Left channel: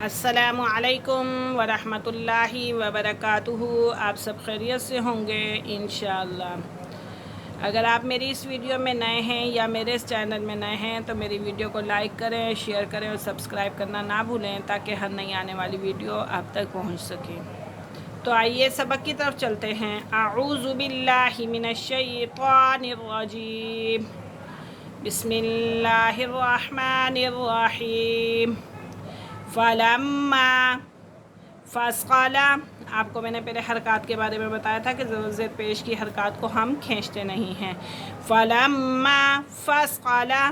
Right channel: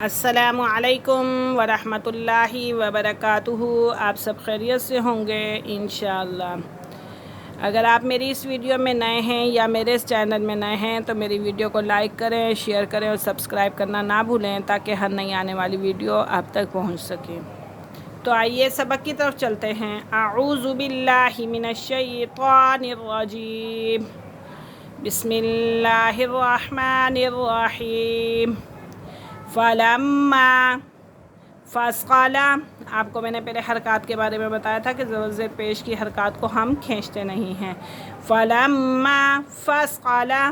السلام علیکم ورحمۃ اللہ وبرکاتہ۔ آپ سب خیریت سے ہوں گے انشاءاللہ۔ اگر آپ میری اس ویڈیو میں نئے ہیں یا میرے اس چینل میں نئے ہیں تو میری ویڈیو کو لائک کریں، شیئر کریں اور سبسکرائب کرنا نہ بھولیں تاکہ ہر نئی آنے والی ویڈیو آپ تک پہنچ سکے۔ تو آئیے سبق کی طرف چلتے ہیں۔ اعوذ باللہ من الشیطان الرجیم، بسم اللہ الرحمن الرحیم۔ فلما فسقلا، آپ کو میں نے پہلے حرکات کے بارے میں بتایا تھا کہ زیر پیش کی حرکات کو ہم کھینچتے نہیں ہیں۔ فلما فسقلا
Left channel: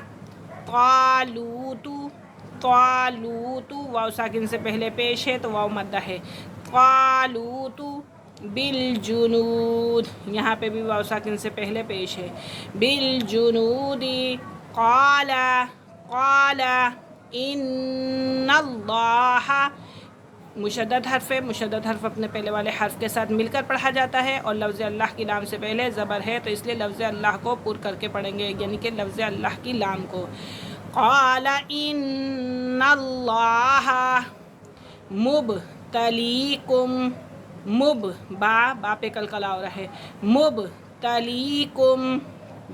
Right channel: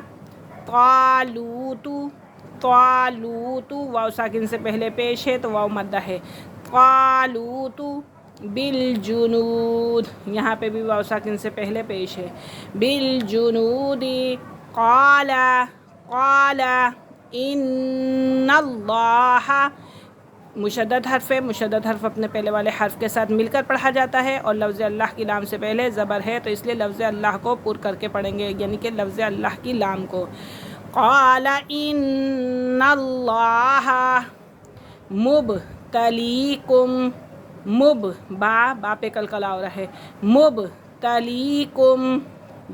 طالوت، طالوت واو ساکن سے پہلے پیش ہے تو واو مدہ ہے۔ طالوت بالجنود، یہاں پہ بھی واو ساکن سے پہلے پیش ہے۔ بالجنود قال قال ان اللہ، مشدد حرف ہے، مشدد حرف اپنے پہلے والے حرف کے ساتھ مل کر پڑھا جاتا ہے اور لفظ اللہ کی لام سے پہلے زبر ہے تو اس لیے لفظ اللہ کو پر کر کے پڑھیں گے، یعنی کہ لفظ اللہ کی لام کو۔ قال ان اللہ مبتلیکم، با پہ کلکلا ہو رہا ہے، مبتلیکم،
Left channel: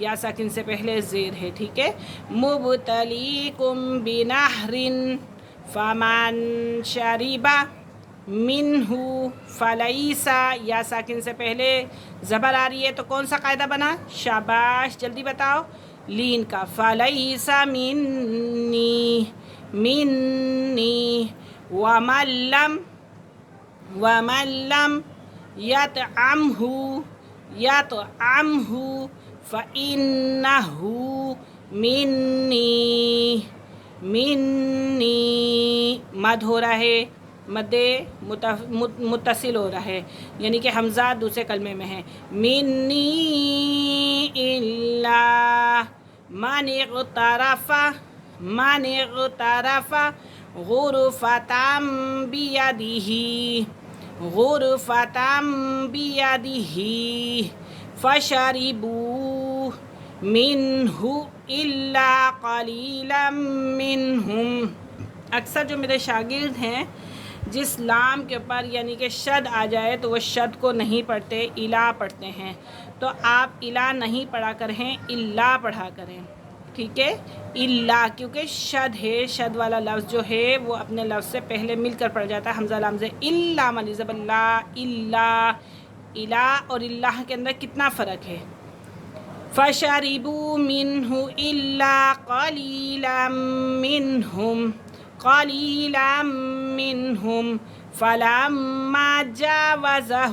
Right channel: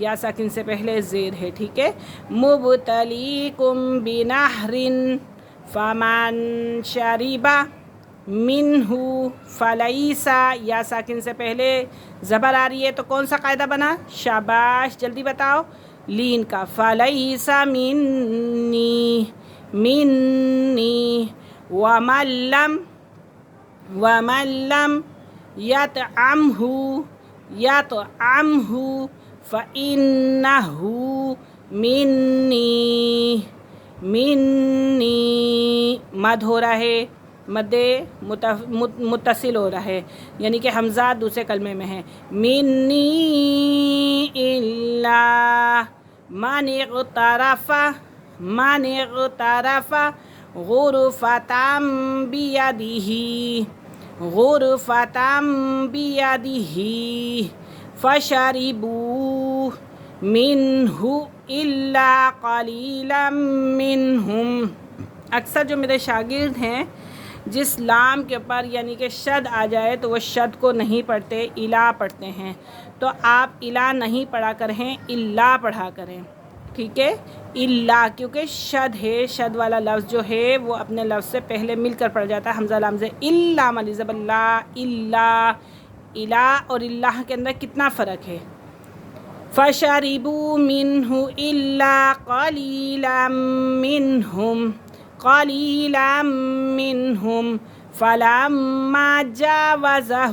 یا ساکن سے پہلے زیر ہے، ٹھیک ہے۔ مبتلیکم بنہر فمن شرب منہ فلیس، یا ساکن سے پہلے زبر آ رہی ہے تو کون سا قاعدہ بنا؟ شاباش، جلدی بتاؤ، لین کا۔ فلیس منی، منی ومن لم یطعمہ، یطعمہ فإنہ منی، منی مد ہو رہا ہے، مد متصل ہو رہا ہے، یعنی کہ حمزہ دوسرے کلمے میں ہے۔ منی الا من اغترف، من اغترف غرفۃ بیدہ، غرفۃ بیدہ فشربوا منہ الا قلیلا منہم۔ اکثر جو میرے شاگرد ہیں جس لام کے پر یعنی کہ شد آ جائے تو وہ شد کو نہیں پڑھتے، الا پڑھتے ہیں، تو آپ الا نہیں پڑھا کریں، الا پڑھا کریں، ٹھیک ہے۔ الا کیونکہ شد ہے، شد والا لفظ جو ہے وہ اپنے لفظ سے پہلے مل کر پڑ جاتا ہے، حمزہ لام سے۔ الا ملی زبر لا، الا، الا اور اللہ کے اندر کتنا فرق ہے۔ فشربوا منہ الا قلیلا منہم، قلیلا منہم فلما جاوزہ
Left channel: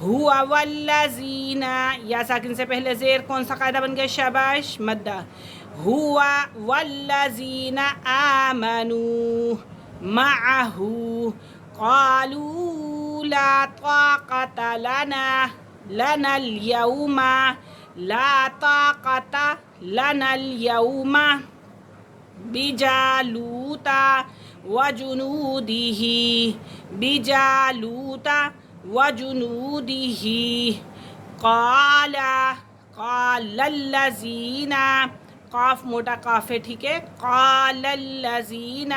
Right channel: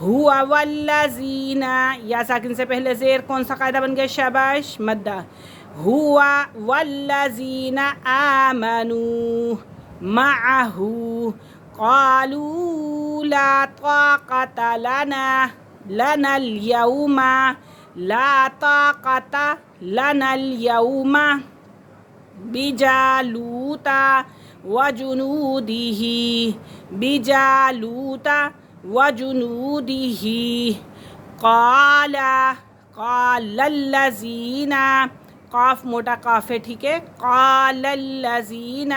ہوا والذین، یا ساکن سے پہلے زیر، کون سا قاعدہ بن گیا؟ شاباش، مدہ۔ ہوا والذین آمنوا معہ قالوا لا طاقت لنا اليوم، لا طاقت لنا اليوم بجالوت وجنودہ، بجالوت وجنودہ قال قال الذین، قاف موٹا قاف ہے، ٹھیک ہے۔ قال الذین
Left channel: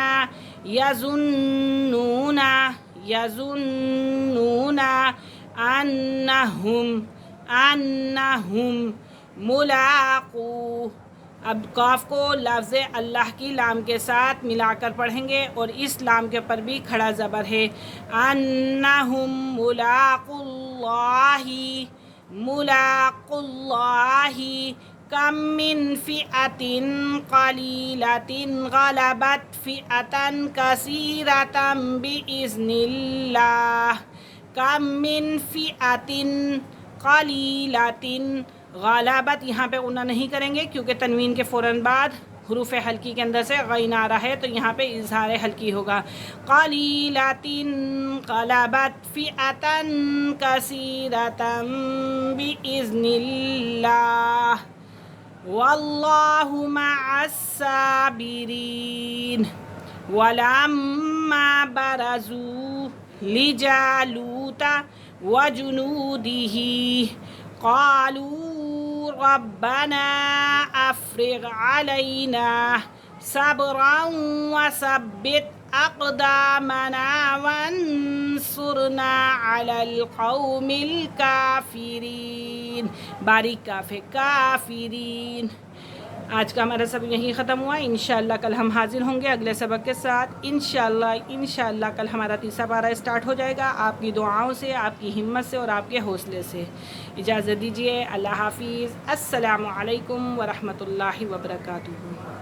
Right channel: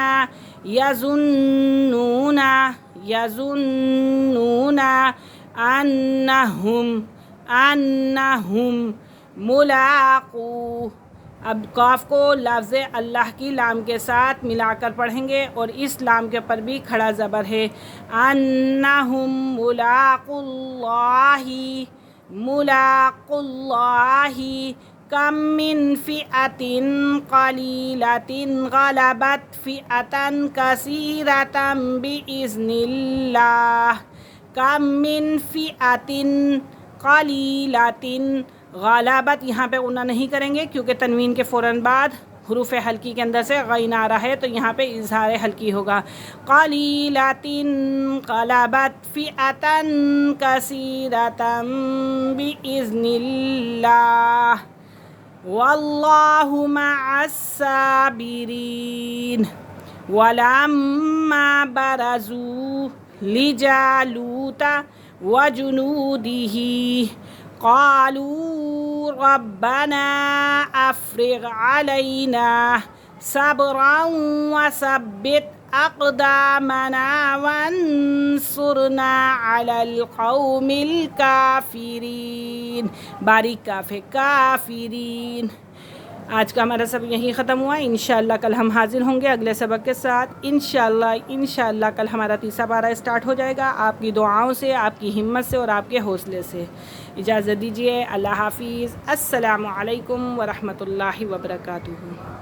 یظنون، یظنون انہم، انہم ملاقو، اب قاف کو لفظ اللہ کی لام کے ساتھ ملا کر پڑھیں گے اور اس لام کے پر بھی کھڑا زبر ہے۔ انہم ملاقو اللہ، ملاقو اللہ کم من فئۃ قلیلۃ غلبت فئۃ کثیرۃ بإذن اللہ، کم من فئۃ قلیلۃ غلبت، یہاں پہ غنہ نہیں کریں گے کیونکہ تنوین کے فوراً بعد حروف حلقی کے اندر سے غین آ رہا ہے تو یہاں پہ اظہار حلقی ہوگا۔ قلیلۃ غلبت فئۃ کثیرۃ بإذن اللہ واللہ مع الصابرین۔ ولما برزوا لجالوت وجنودہ قالوا ربنا افرغ علينا صبرا وثبت أقدامنا وانصرنا على القوم الكافرين. باریک کاف ہے کافرین. آج کا ہمارا سبق یہیں ختم ہوا. انشاءاللہ کل ہم حاضر ہوں گے اگلے سبق کے ساتھ. انشاءاللہ کل ہمارا تیسرا پارہ اسٹارٹ ہو جائے گا آپ کی دعاؤں سے، آپ کی ہمت سے اور آپ کے حوصلے سے. اجازت دیجیے. اللہ حافظ. السلام علیکم ورحمۃ اللہ وبرکاتہ.